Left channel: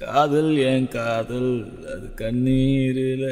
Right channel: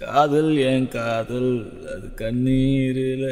காதல் என் காதல் அது கண்ணீரில்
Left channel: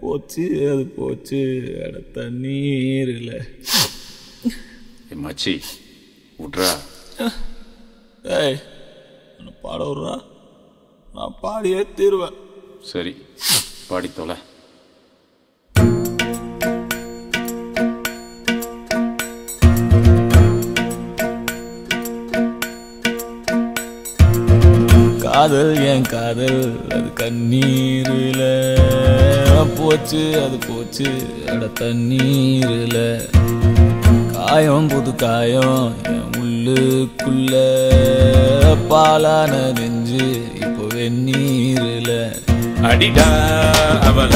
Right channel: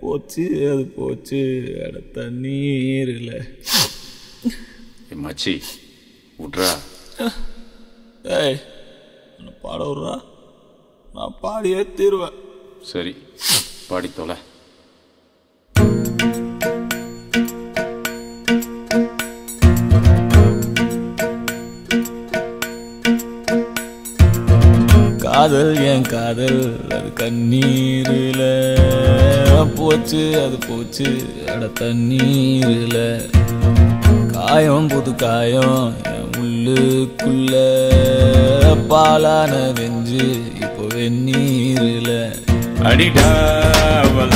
போச்சு, அது போச்சு அட தண்ணீரில். மச்சி விட்றா. ஏய் என்ன பாட விட்றா, நான் பாடியே தீருவேன். சரி பாடி தொலை. காதல் என் காதல் அது கண்ணீரில் போச்சு, அது போச்சு அட தண்ணீரில். காயம் புது காயம் என் உள்ளுக்குள்ள பாலான நெஞ்சு இப்போ வெந்நீரில். அடிடாவல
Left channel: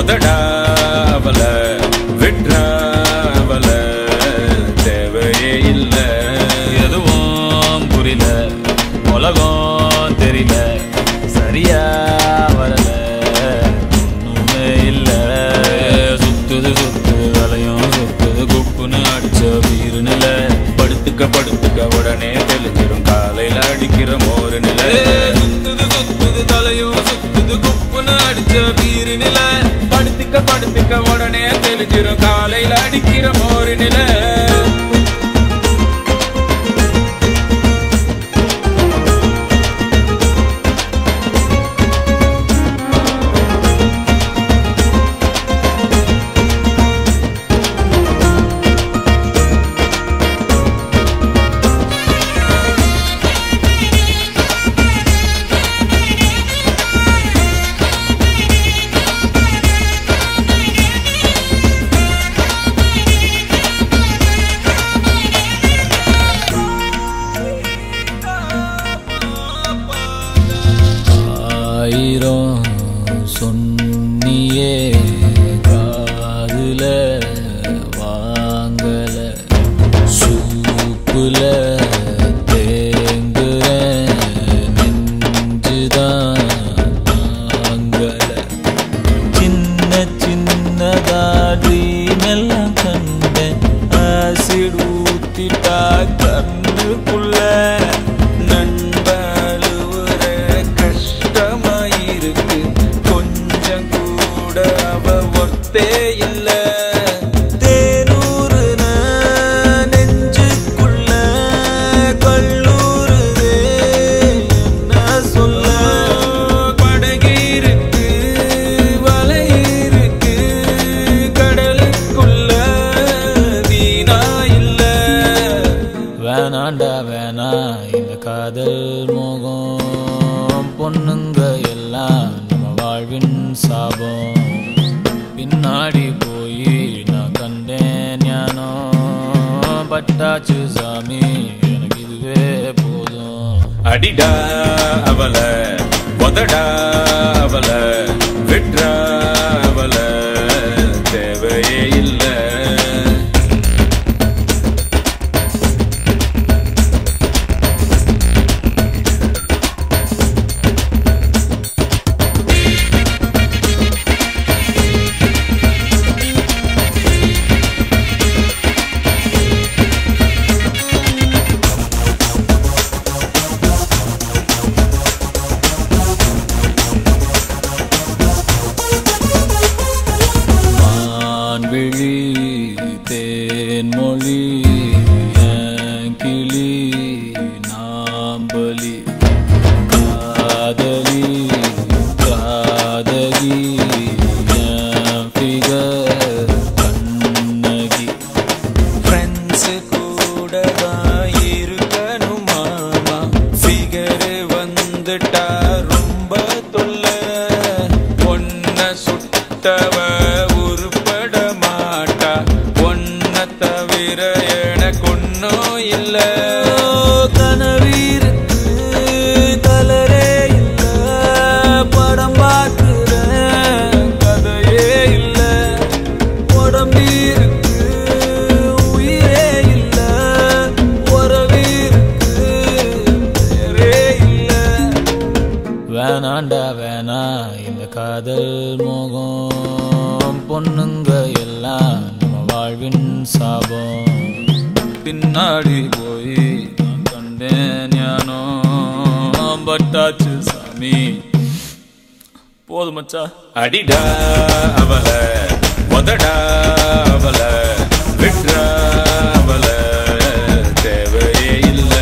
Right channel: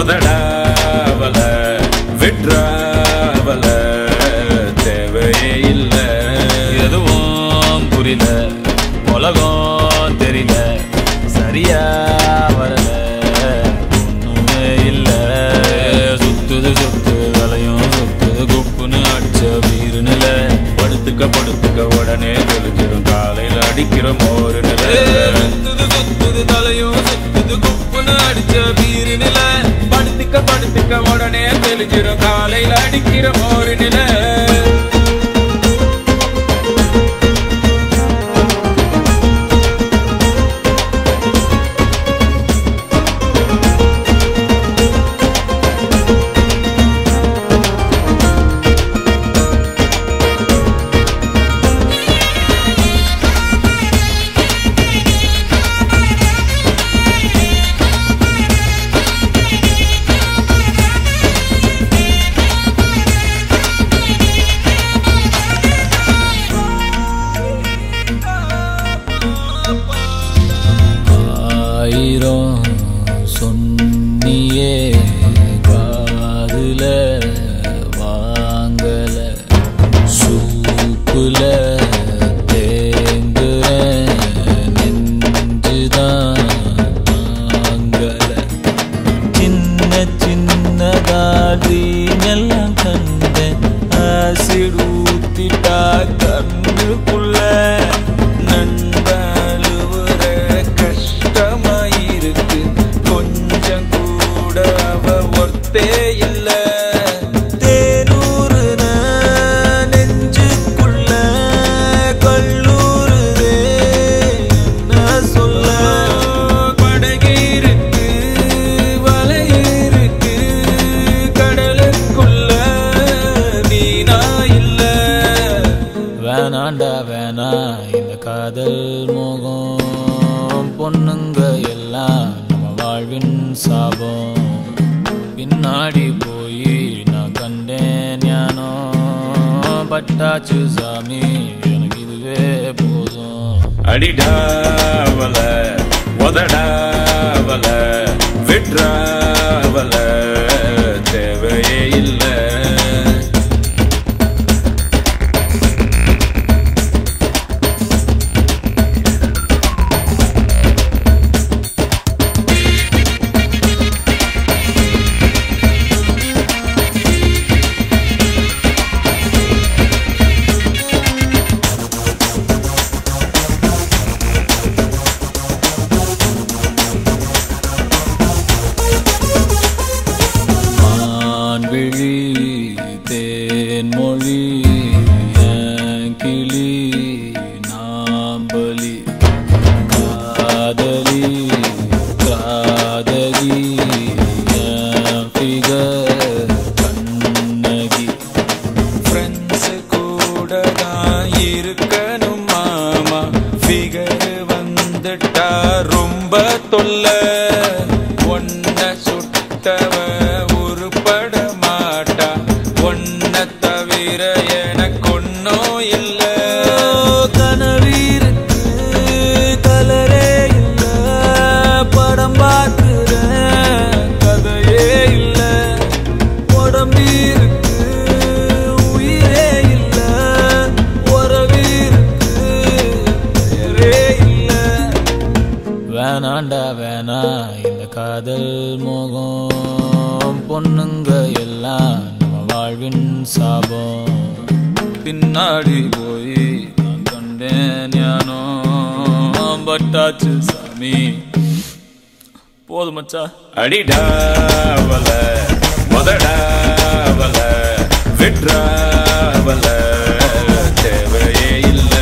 உதடாவல விட்ராவல தேவையே இல்லை. எதுவும் புரியல, உலகம் தெரியல, சரியா வரல, ஒண்ணுமே இல்ல. சுத்துது சுத்து வலையும் சுத்துது குப்புன்னு அடிச்ச வீருநில. படுத்துக்க படுத்துக்க உடனே தெளிஞ்சிடும் காலையில் அடிக்கிற மோரு நில. சுத்துது சுத்துது தலையும் சுத்துது குப்புன்னு அடிச்ச வீருநில. படுத்துக்க படுத்துக்க உடனே தெளிஞ்சிடும் காலையில் அடிக்கிற மோரு நில. ஆயிரம் சொன்னியே காதுல வாங்கல, சூப்புல தேங்குற நெஞ்சுதான் தாங்கல. சின்ன சின்னதா ட்ரீம் எல்லாம் கண்டேன், ஆசிட் ஊத்திட்டா கண்ணுக்குள்ள. நண்பழுவுற கஷ்டமாயிருக்கு, கொஞ்சம் கூட அவ ஒர்த்தே இல்ல. தேனூறுன நெஞ்சுக்குள்ள கல்லூருதே என்ன சொல்ல. படகிருக்கு வலையிருக்கு கடலுக்குள்ள நீனா இல்ல. வேணாண்டா வேணா இந்த காதல் மோகம், பொண்ணுங்க எல்லாம் நம்ம வாழ்வின் சாபம். பின்னாடி போய் நான் கண்டேன் ஞானம், பட்டாச்சு சாமி எனக்கு இதுவே போதும். அடிடாவல உதடாவல விட்ராவல தேவையே இல்லை. விழி தேன்மொழி என் கிளி நாம்பலி, காதலி காதகி என் ஃபிகர் கண்ணகி. ஃப்ரெண்ட்ஸ் கூட தான் இருக்கணும் மாமா, ஃபிகர் வந்துட்டா ரொம்ப தொல்ல. ஒன்ன சுட்டவ உருப்பட மாட்டா, ஒன்ன தவிர எனக்கு ஒன்னும் இல்ல. கனவீருக்கு கலரே இல்ல, படம் பார்க்கிறேன் கதையே இல்ல. உடம்பீருக்கு உயிரே இல்ல, உறவீருக்கு பெயரே இல்ல. வேணாண்டா வேணா இந்த காதல் மோகம், பொண்ணுங்க எல்லாம் நம்ம வாழ்வின் சாபம். பின்னாடி போய் நான் கண்டேன் ஞானம், பட்டாச்சு சாமி. போதும் மச்சா. அடிடாவல மொதடாவல விட்ராவல தேவையே இல்ல.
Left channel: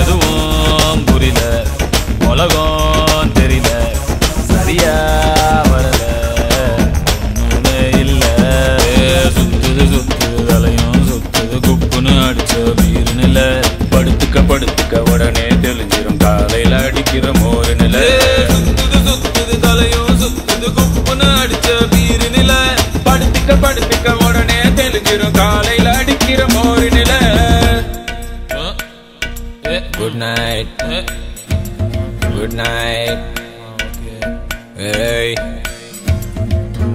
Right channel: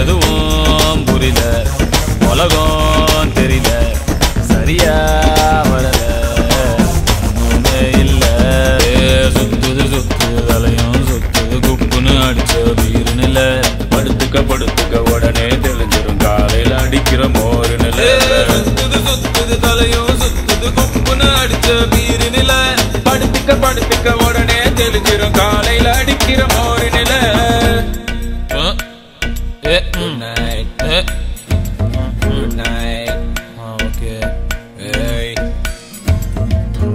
எதுவும் புரியல, உலகம் தெரியல, சரியா வரல, ஒண்ணுமே இல்ல. சுத்துது சுத்துது தலையும் சுத்துது குப்புன்னு அடிச்ச வீரு நில. படுத்துக்க படுத்துக்க உடனே தெரிஞ்சிடும் காலையில அடிக்கிற மோரு நில. சுத்துது சுத்துது தலையும் சுத்துது குப்புன்னு அடிச்ச வீரு நில. படுத்துக்க படுத்துக்க உடனே தெரிஞ்சிடும் காலையில அடிக்கிற மோரு நில. Good night. Good night. Okay. ஏய்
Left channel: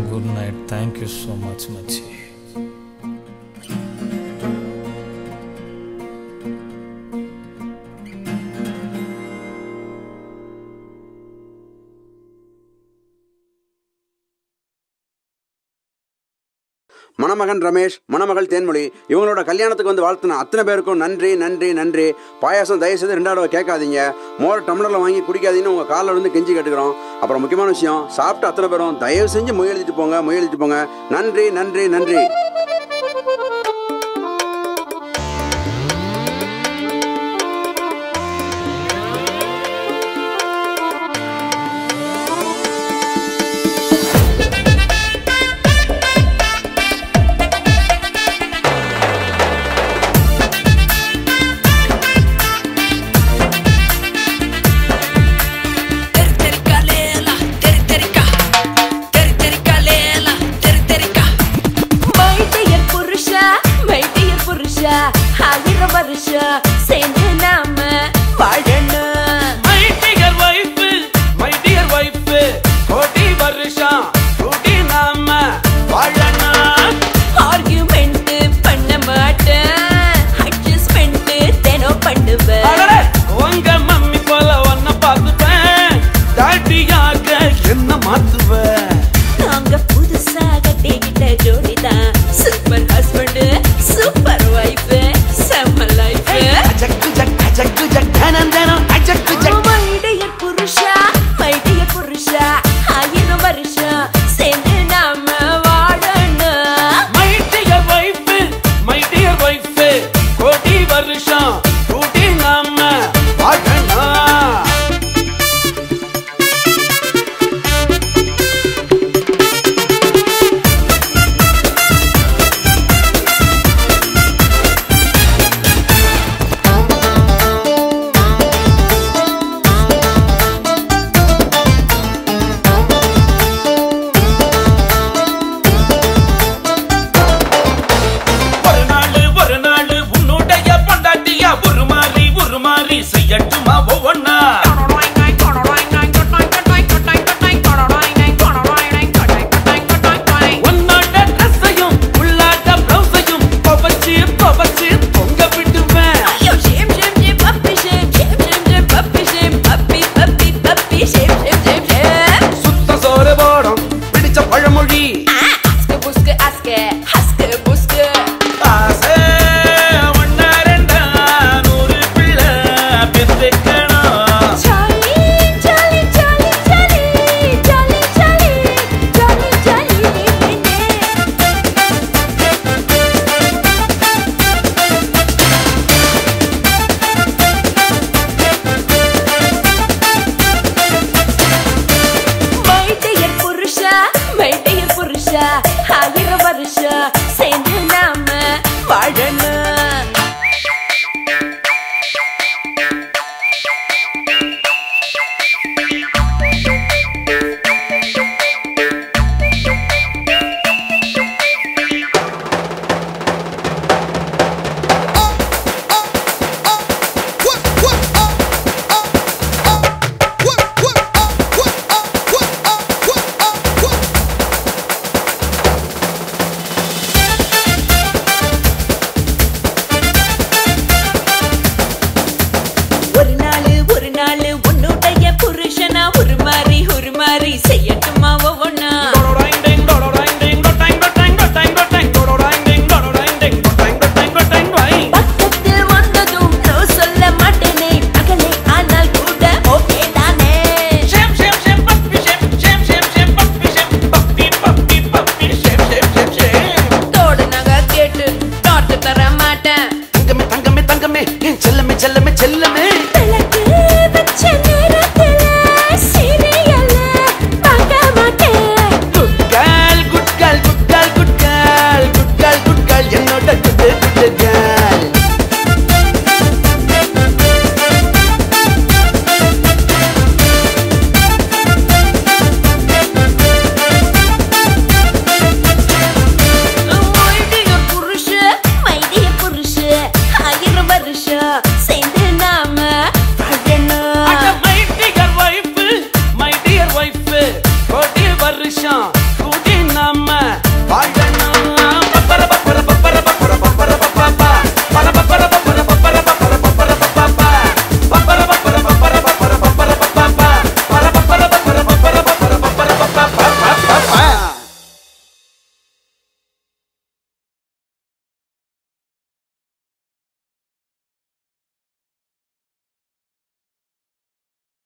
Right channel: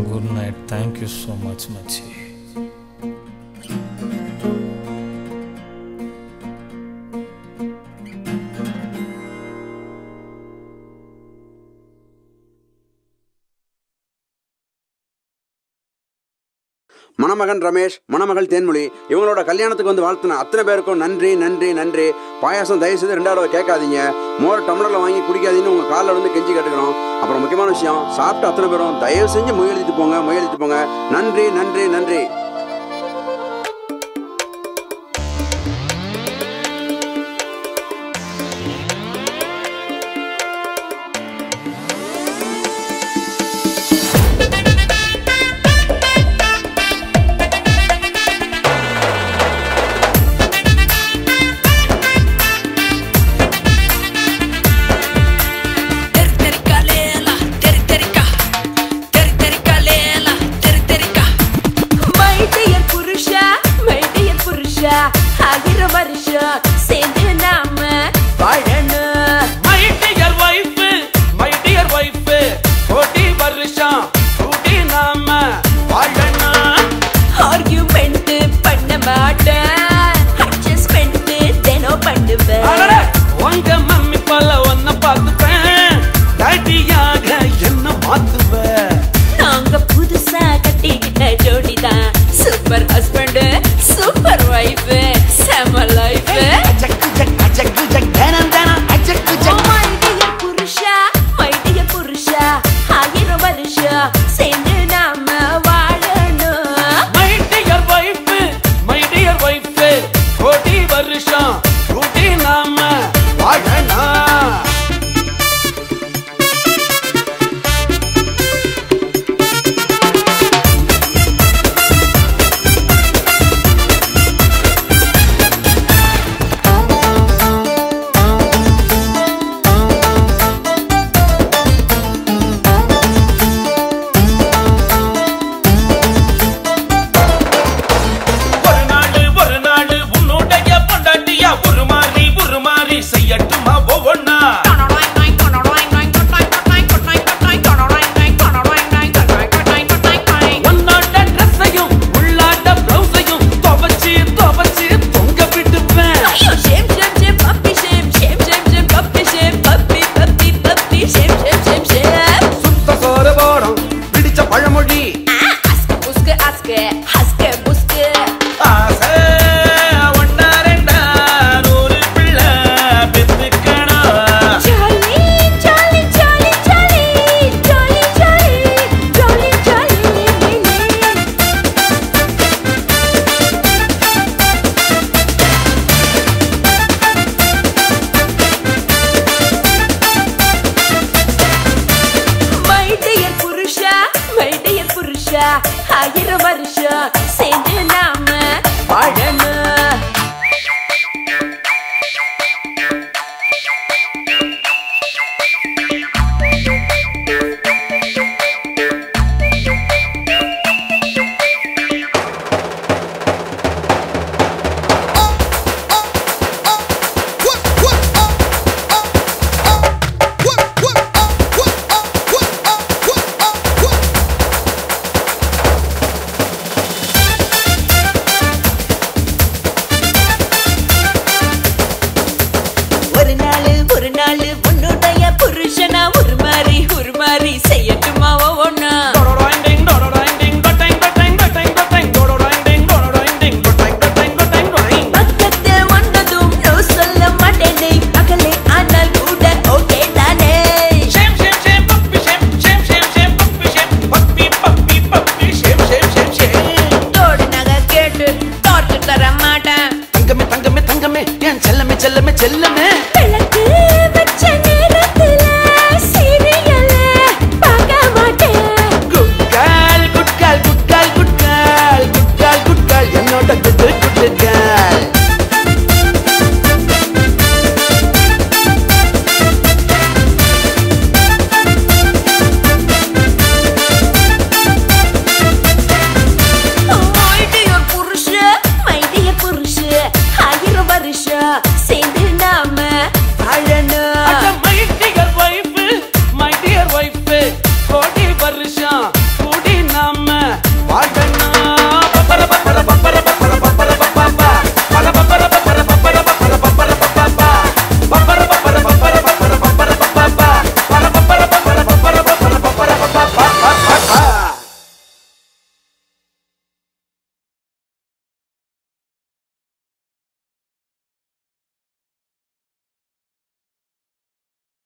good night. Thank you so much மச்சி. மணமகன் ரமேஷ், மணமகள் தேன்மொழி இவங்களோட கல்யாணத்துக்கு வந்து வாழ்த்துன அத்தனை பேருக்கும் நன்றி நன்றி நன்றி. பாயாசம் தயவுசெய்து 2 தடவை கேட்காதீங்க. மோர் டம்ளரில் வாங்கி குடிக்காதீங்கன்னு உங்கள் காலில் வந்து கெஞ்சி கேட்டுக்கிறோம். அப்புறம் முக்கியமான விஷயம், சாப்பிட்டு அத்தனை பேரும் தயவு செஞ்சு மொய் எழுதிட்டு போங்க. நன்றி நன்றி நன்றி.